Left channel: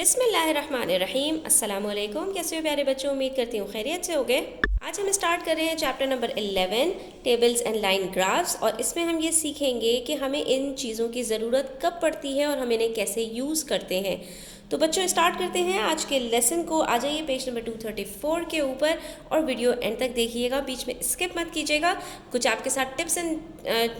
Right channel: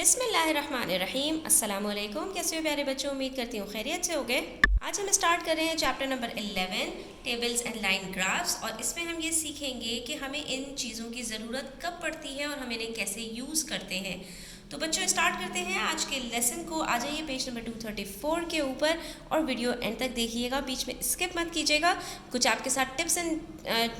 बिस्मिल्लाहिर्रहमानिर्रहीम। अस्सलाम वालेकुम। कैसे हो प्यारे बच्चों? उम्मीद करती हूँ खैरियत से होगे। आज हम स्टार्ट कर रहे हैं chapter number 11 tables and line graphs, और इसमें हम ये सीखेंगे कि हमें इन चीज़ों की ज़रूरत कब पड़ती है और हम इन्हें कैसे यूज़ करते हैं। तो बच्चों स्टार्ट करते हैं आज के लेसन को। आ जाइए पेज नंबर 234 के ऊपर और वीडियो एंड तक देखिएगा, बीच में स्किप मत कीजिएगा। कुछ आपके साथ टिप्स एंड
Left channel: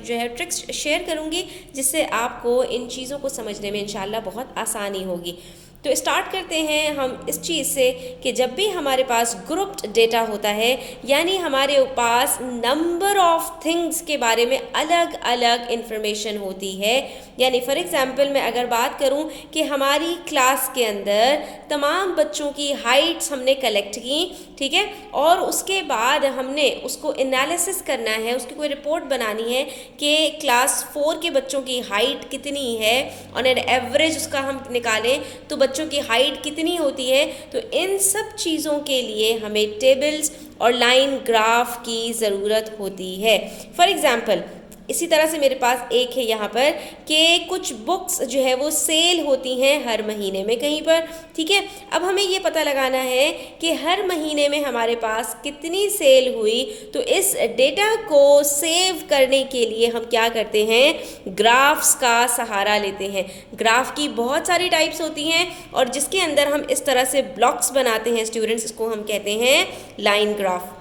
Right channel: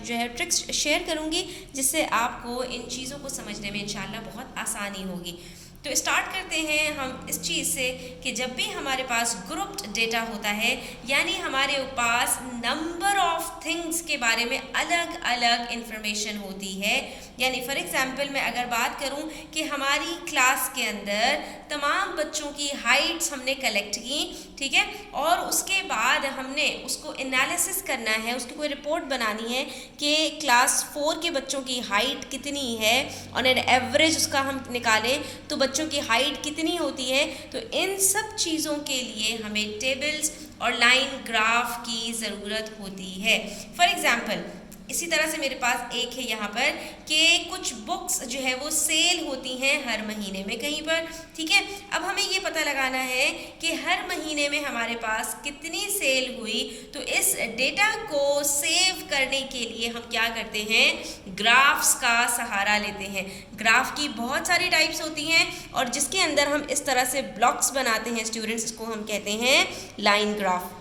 जो है ट्रिक्स शेयर करूँगी जिससे आपको इन चीज़ों को समझने में इंशाल्लाह बहुत आसानी होगी। तो स्टार्ट करते हैं हम इस चीज़ से कि जब भी हमारे पास ग्रुप्ड डेटा होता है, यानी हमारे पास नंबर ऑफ थिंग्स के बारे में अलग अलग इंफॉर्मेशन होती है। यानी फॉर एग्जांपल मैं अगर बात करूं कि हमारी क्लास के अंदर तमाम बच्चों की हाइट्स हमने कलेक्ट की, ठीक है, और उसके बाद हमने उसको एनालिसिस करना है, उसकी कोई रिपोर्ट बनानी है कि क्लास 4 के बच्चों की हाइट कितनी है और एन एवरेज उसका हम निकालें तो बच्चों की हाइट कितनी होती है। तो इन सब चीज़ों के लिए हमें टेबल्स और लाइन ग्राफ की ज़रूरत होती है। फॉर एग्ज़ाम्पल इसी तरह से मेरे पास एक है यहाँ पर कि कुछ बुक्स जो है वो सेल होती हैं हर महीने में कहीं पर, ठीक है। अब हमें ये पता लगाना है कि हर महीने में हमारे पास कितनी सेल हुई। तो इस डेटा को सेव करने के लिए हम क्या करते हैं, ग्राफ्स का सहारा लेते हैं। ग्राफ की बहुत सारी टाइप्स होती हैं और जिसके अंदर हम इस तरह से ब्लॉक्स बनाते हैं स्टूडेंट्स, इसको हम कहते हैं लाइन ग्राफ,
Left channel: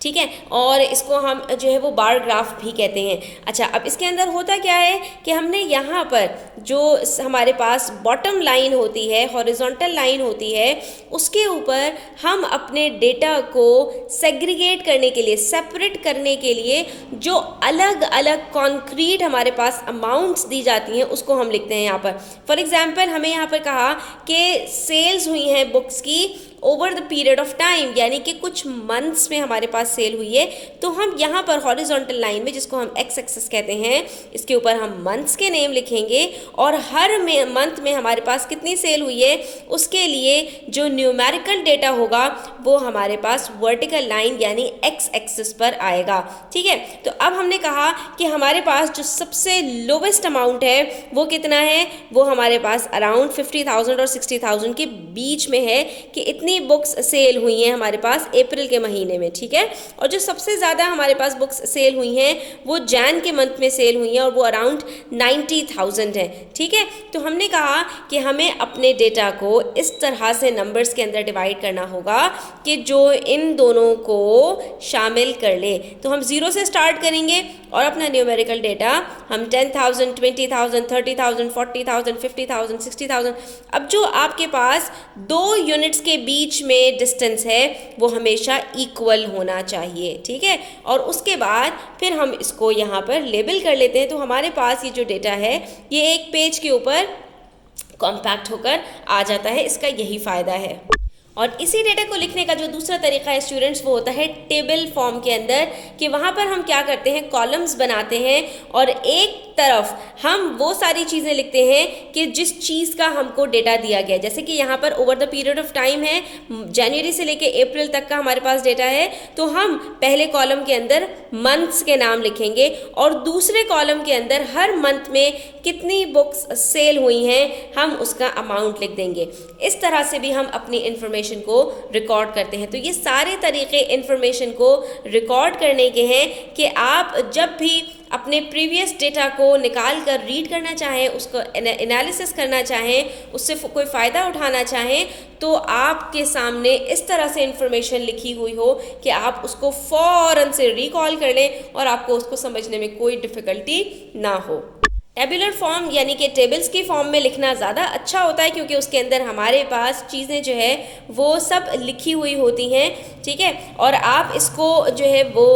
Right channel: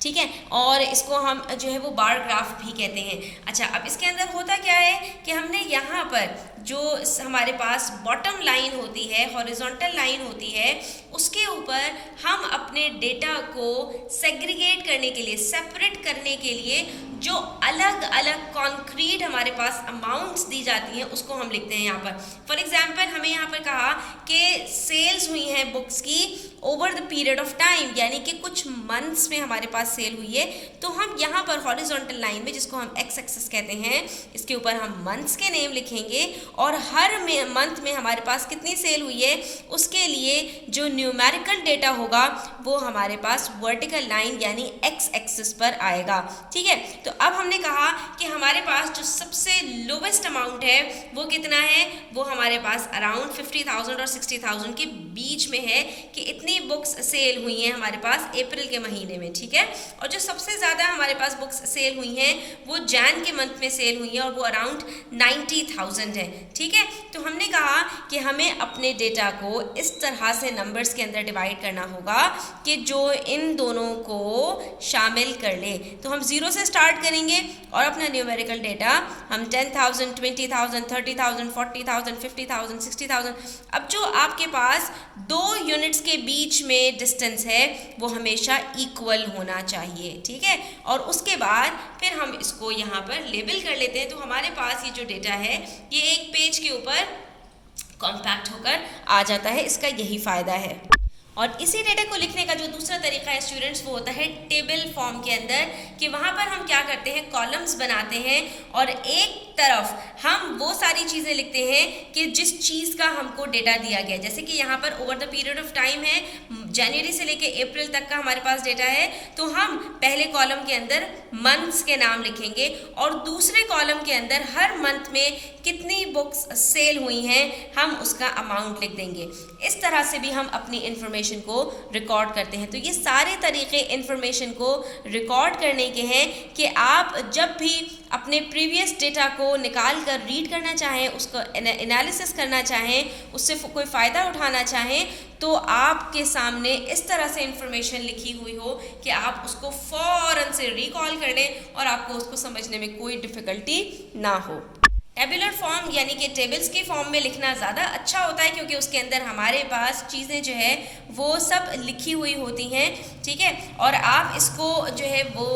ठीक है, और इसको हम जो है वो बार ग्राफ भी कहते हैं। अच्छा, अब इसके अंदर होता क्या है कि हमने यहाँ पर जो हमारे पास बॉटम लाइन होती है, हॉरिजॉन्टल लाइन होती है, उसके ऊपर हम अपने डेटा को सेग्रीगेट करने के लिए, सेपरेट करने के लिए जो अलग अलग कॉन्क्रीट हमारे पास अमाउंट्स दी जाती हैं उसको हम लिखते हैं यहाँ पर। फॉर एग्जाम्पल हमें यहाँ पर कहा कि सेल्स हुई हैं बुक्स की over the period of time, यानी कि कुछ मंथ्स में हमारे पास सेल हुई है। तो हम यहाँ पर हॉरिजॉन्टल लाइन में, जिसको हम एक्स एक्सिस कहते हैं, इसके ऊपर हम मंथ्स के नेम लिखेंगे और हर मंथ में हमारे पास कितनी सेल हुई है उसके लिए जो न्यूमेरिकल डेटा होगा वो हमारे पास वर्टिकल लाइन यानी एक्स एक्सिस पर आएगा, ठीक है। तो अब हमने कहा कि हमारे पास जो सबसे लोवेस्ट अमाउंट है वो कितना है, वो हमारे पास अराउंड 50,000 और 60,000 के बीच में है कि इतनी बुक्स सेल हुई हैं हमारे पास अप्रैल के महीने में, ठीक है। और जो सबसे ज़्यादा हमारे पास बुक्स सेल हुई हैं वो जैन के मंथ में सेल हुई हैं और वो अराउंड 90,000 है, ठीक है। तो हमने कहा कि हमें अपने डेटा को इस तरह से नंबर्स के अंदर डिवाइड करना होगा कि जो इन दोनों को शामिल कर ले। तो हम 0 से स्टार्ट करेंगे और अपना न्यूमेरिकल डेटा हम 10,000, 20,000, 30,000, 40,000, 50,000, 60,000। अब जो आपके पास दो यूनिट्स के बीच में डिस्टेंस है वो हमेशा इक्वल होना चाहिए, ठीक है। और उसके बाद फिर हम इसको यहाँ पर लेबल कर लेते हैं। तो हमारे पास ये जो डेटा है ये एक पेज के ऊपर कॉम्पैक्ट होकर आ जाता है, इसका यही फ़ायदा है। और इसी डेटा को लिखने का जो दूसरा तरीका है स्टूडेंट्स वो होता है टेबल फॉर्म के अंदर, कि वहाँ पर हम क्या करते हैं, कॉलम्स बनाते हैं और एक तरफ हम वो सारी चीज़ें लिखते हैं कि जिस चीज़ का हमको डेटा दिया गया है। जैसे कि यहाँ पर over the period of time है, जनवरी से लेके अप्रैल तक का हमारे पास डेटा है, तो हम पहले कॉलम के अंदर मंथ्स के नाम लिखेंगे और दूसरे कॉलम के अंदर हर मंथ में कितनी बुक्स सेल हुई हैं हम उसका अमाउंट लिख देंगे। इस तरह से भी हम अपनी इंफॉर्मेशन को रिकॉर्ड करते हैं। तो ये सारे तरीके इंफॉर्मेशन को रिकॉर्ड करने के हैं कि आप जब भी अपने प्रीवियस डेटा को निकाल कर रीड करना चाहें, उसको एनालिसिस करना चाहें, उससे कोई फ़ायदा उठाना चाहें, तो आपके सामने इस तरह से इंफॉर्मेशन लिखी हुई हो कि आप उसको फ़ौरन से रिकॉल कर लें और आपको उसको समझने में कोई डिफ़िकल्टी ना हो। टेबुलर फॉर्म यानी कि टेबल्स की फॉर्म में लिखना ज़्यादा अच्छा होता है क्योंकि उसके अंदर हमारे पास चीज़ें जो है वो सब लिखी हुई होती हैं, ठीक है। और आप इसको जो है वो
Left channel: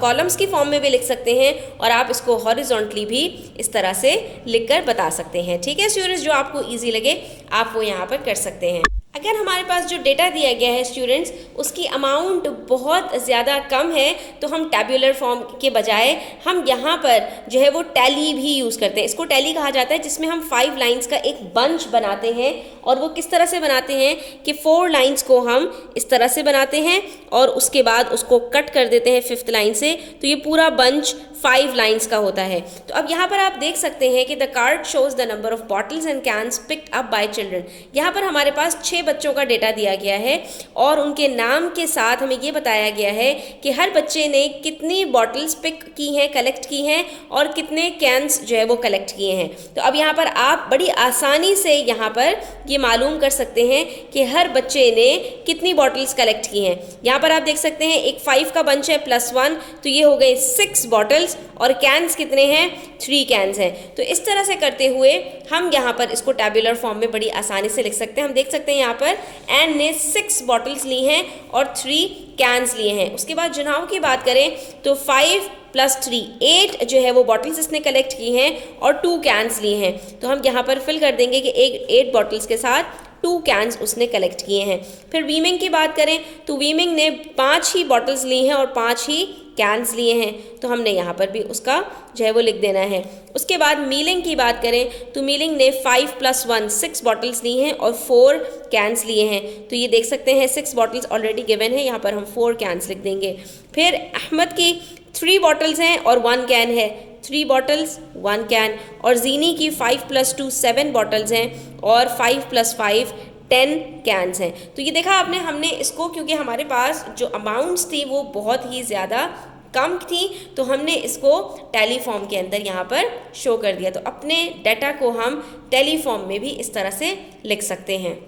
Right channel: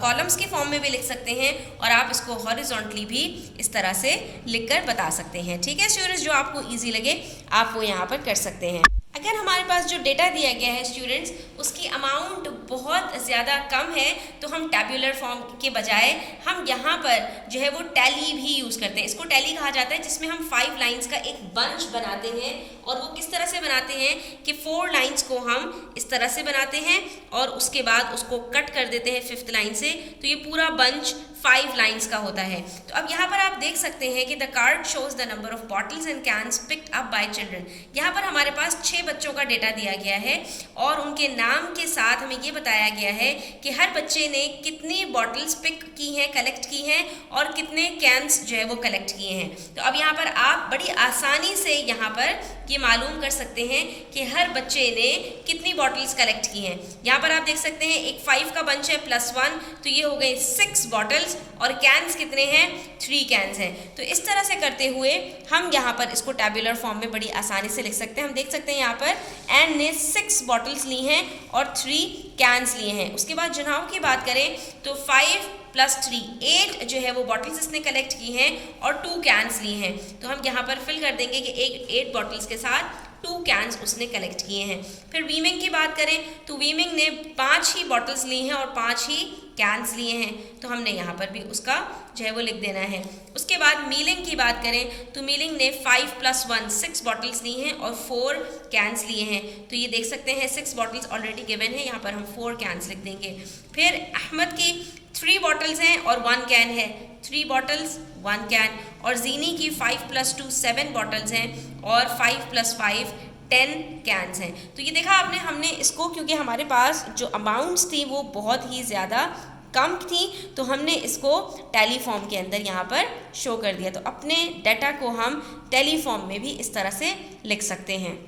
कॉलम्स की फॉर्म में भी लिख सकते हैं और आप इसको हॉरिजॉन्टली भी इस तरह से लिखकर बता सकते हैं, ठीक है स्टूडेंट्स। जो आपको ईजी लगे आप वो यहाँ पर कर सकते हैं। अगर हमारे पास जो डेटा दिया गया है स्टूडेंट्स उसकी अमाउंट बहुत ज़्यादा कम है तो हम टैब्यूलर फॉर्म के बजाय हम यहाँ पर जो है वो टैली भी यूज़ करते हैं। इसको टैली कहा जाता है, जिसमें हम 5 लाइंस का एक बंच बनाते हैं। और वो किस तरह से बनाते हैं कि 4 लाइंस को हम इस तरह से बनाते हैं और उसके बाद उसको कट कर देते हैं 5th लाइन से। तो ये पूरा बंच 5 लाइन्स का होता है। तो अब यहाँ पर आप देख सकते हैं कि the card shows the number of bottles and cans picked up by children. यहाँ पर हमारे पास 6 बच्चों का डेटा दिया गया है और उनके नाम के साथ हमें ये बताया गया है कि हर बच्चे ने कितनी बॉटल्स पिक की हैं, कलेक्ट की हैं और कितने कैंस जो है वो कलेक्ट किए हैं। तो अब यहाँ पर आप बड़ी आसानी से यहाँ पर ये मालूम कर सकते हैं कि हर बच्चे ने कितनी बॉटल्स कलेक्ट की हैं। यहाँ पर आप देख सकते हैं एक 5 का बंच है +1, तो ये हो गए 6 बॉटल्स और कैंस कितने हैं, 3 कैंस हैं। तो इस तरह से करते हुए हम यहाँ पर इसको टैबुलर फॉर्म में बड़ी आसानी से लिख सकते हैं। हम देख सकते हैं यहाँ पर एन ने 6 बॉटल्स ली हैं और 3 कैंस लिए हैं। उसके बाद जुनाव की बात करें तो 5 + 3 8 जो है वो बॉटल्स इसने कलेक्ट की हैं और 2 कैंस लिए हैं। तो हम यहाँ पर फिल कर देंगे कि 8 बॉटल्स के साथ 2 कैंस उसने कलेक्ट किए हैं। फिर वीमिंग की बात करें तो वीमिंग ने 5 ही बॉटल्स ली हैं और 5 ही कैंस लिए हैं, तो हमने यहाँ पर भी उसका जो है वो लिख देना है। उसके बाद मीलिंग की बात करें तो मीलिंग ने 5 + 1 6 बॉटल्स ली हैं और 4 कैंस लिए हैं। तो ये देख सकते हैं 6 बॉटल्स ऑलरेडी गिवन है, यहाँ पर हम 4 कैंस लिख देंगे। फिर अहमद की 3 बॉटल्स हैं और 1 कैन है, 3 बॉटल्स 1 कैन। और जीनी की 5 + 2 7 बॉटल्स हैं और 5 + 5 10 कैंस हैं। तो ये देखा आपने, हमने इसको क्योंकि हमारे पास जो अमाउंट्स थी वो बहुत ही ज़्यादा कम थी तो हमने इसको टैली फॉर्म के अंदर यहाँ पर शो कर दिया। तो अपने डाटा को हम टैली फॉर्म में भी इस तरह से लिख सकते हैं।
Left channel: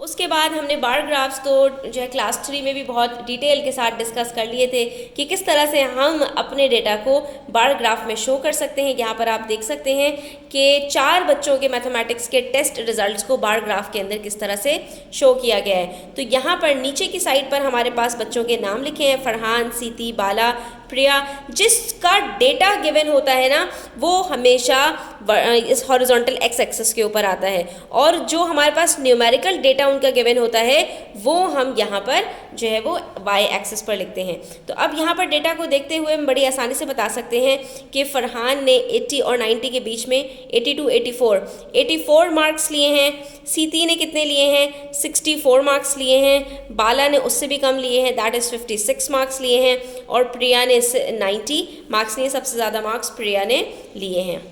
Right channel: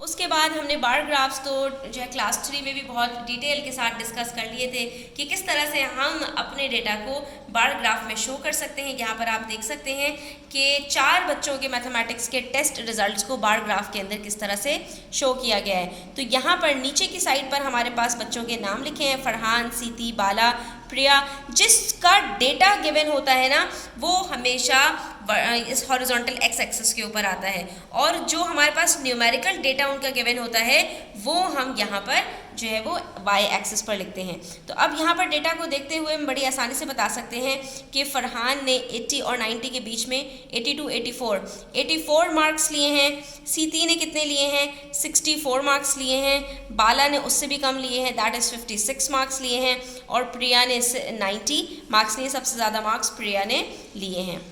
उसके बाद हमने बार ग्राफ्स तो जो है क्लास 3 में भी बहुत डिटेल के साथ डिस्कस कर लिए थे कि किस तरह से हम अपने डेटा को बार ग्राफ में शो कर सकते हैं। यहाँ पर आप देख सकते हैं कि 4 बच्चों के मैथमेटिक्स के टेस्ट रिजल्ट्स को बार ग्राफ के अंदर किस तरह से शो किया गया है। तो यहाँ पर नीचे की साइड पर हमारे पास बच्चों के नाम लिखे हैं, फरहान, सीती, बाला, प्रिया। जिसका डेटा गिवन होता है ना वो हमेशा इस हॉरिजॉन्टल एक्स एक्सिस के ऊपर आता है और जो हमारे पास न्यूमेरिकल डेटा उनका गिवन होता है वो हम यहाँ पर जो है वो वाई एक्सिस पर लिखते हैं। तो अब यहाँ पर डेटा को देखते हुए हम बड़ी आसानी से बता सकते हैं कि फरहान ने 80 और 90 के बीच में 82 84 मार्क्स लिए हैं। सीती ने कितने लिए हैं, 64 मार्क्स लिए हैं। बाला ने उससे भी कम लिए हैं, दैट इज़ 56 मार्क्स लिए हैं। और प्रिया ने 90 मार्क्स लिए, सबसे ज़्यादा मार्क्स प्रिया ने लिए हैं।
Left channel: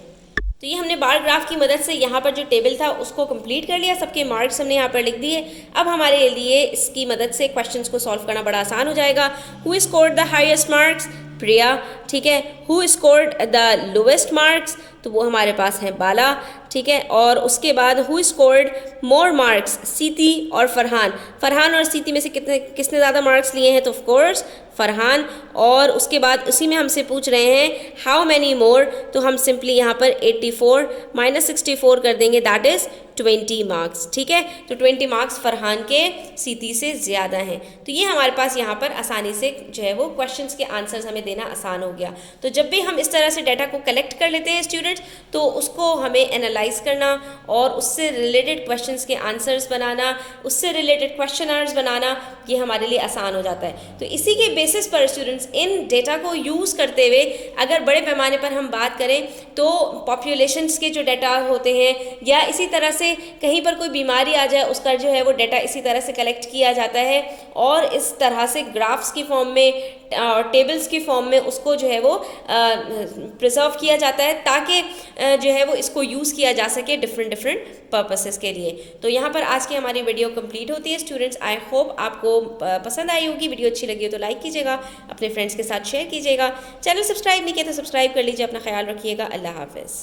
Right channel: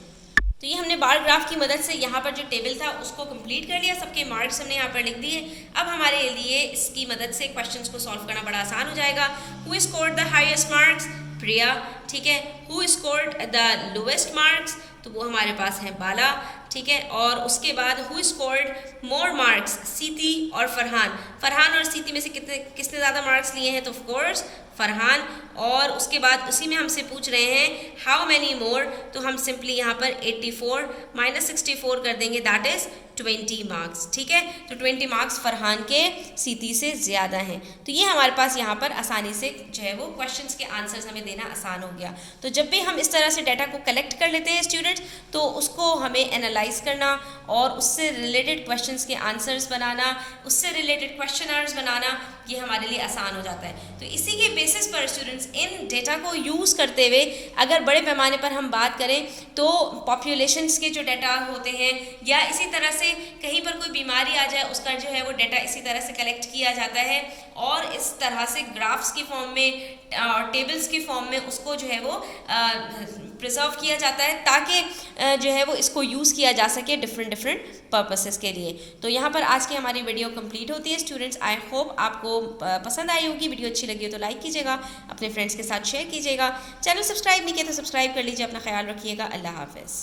तो ये हमने बार ग्राफ की मदद से यहाँ पर जो टेबल था उसको कंप्लीट कर लिया, सबके मार्क्स हमने यहाँ पर लिख दिए। अब हमारे लिए इसकी मदद से क्वेश्चंस को सॉल्व करना बड़ा आसान हो जाएगा। Who scored the highest marks, Priya, ठीक है। Who scored the lowest marks, तो वो हमारे पास है बाला, ठीक है। और उसके बाद हु स्कोर्ड मोर मार्क्स, सीती और फरहान और सीती में से किसने ज़्यादा मार्क्स लिए हैं, तो ऑफ कोर्स फरहान। और उसके बाद उसी में हमसे पूछ रहे हैं हाउ मैनी मोर, तो हम सिंपली यहाँ पर 84 - 64 कर देंगे, दैट इज़ 20 मार्क्स, ठीक है। तो 20 मार्क्स फरहान के सीती से ज़्यादा हैं। तो ये हमारे पास यहाँ पर आसानी से जो है वो क्वेश्चंस के आंसर्स हमें देना आसान हो गया। तो जब भी हम इस तरह से डाटा को कलेक्ट कर लेते हैं स्टूडेंट्स, तो उसको हमें एनालाइज करना और उससे रिलेटेड क्वेश्चंस के आंसर्स बनाना, उससे रिलेटेड क्वेश्चनर्स बनाना, ये हमारे लिए आसान हो जाता है। तो इसी के बेसिस पर स्टूडेंट्स इन डेटा को यूज़ करते हुए अगर बड़े पैमाने पर हम बात करें तो पॉपुलेशंस के जो डाटा होते हैं या इसी तरह से कहीं पर कोई बीमारी आ जाए उसका जो है वो डाटा इसी तरह से कलेक्ट किया जाता है और इस तरह से ग्राफ्स की फॉर्म में, टेबल्स की फॉर्म में उसको जो है वो प्रिजर्व किया जाता है ताकि जो है वो इसको यूज़ किया जा सके डिफरेंट पर्पसेस के लिए। तो यहाँ पर आज की हमारी वीडियो कंप्लीट होती है स्टूडेंट्स। आई होप आपको पसंद आई होगी। वीडियो अच्छी लगी हो तो लाइक कीजिएगा, अपने फ्रेंड्स के साथ शेयर कीजिएगा। चैनल सब्सक्राइब नहीं किया तो सब्सक्राइब कर लीजिए। अपना ख्याल रखिएगा। अल्लाह हाफिज़।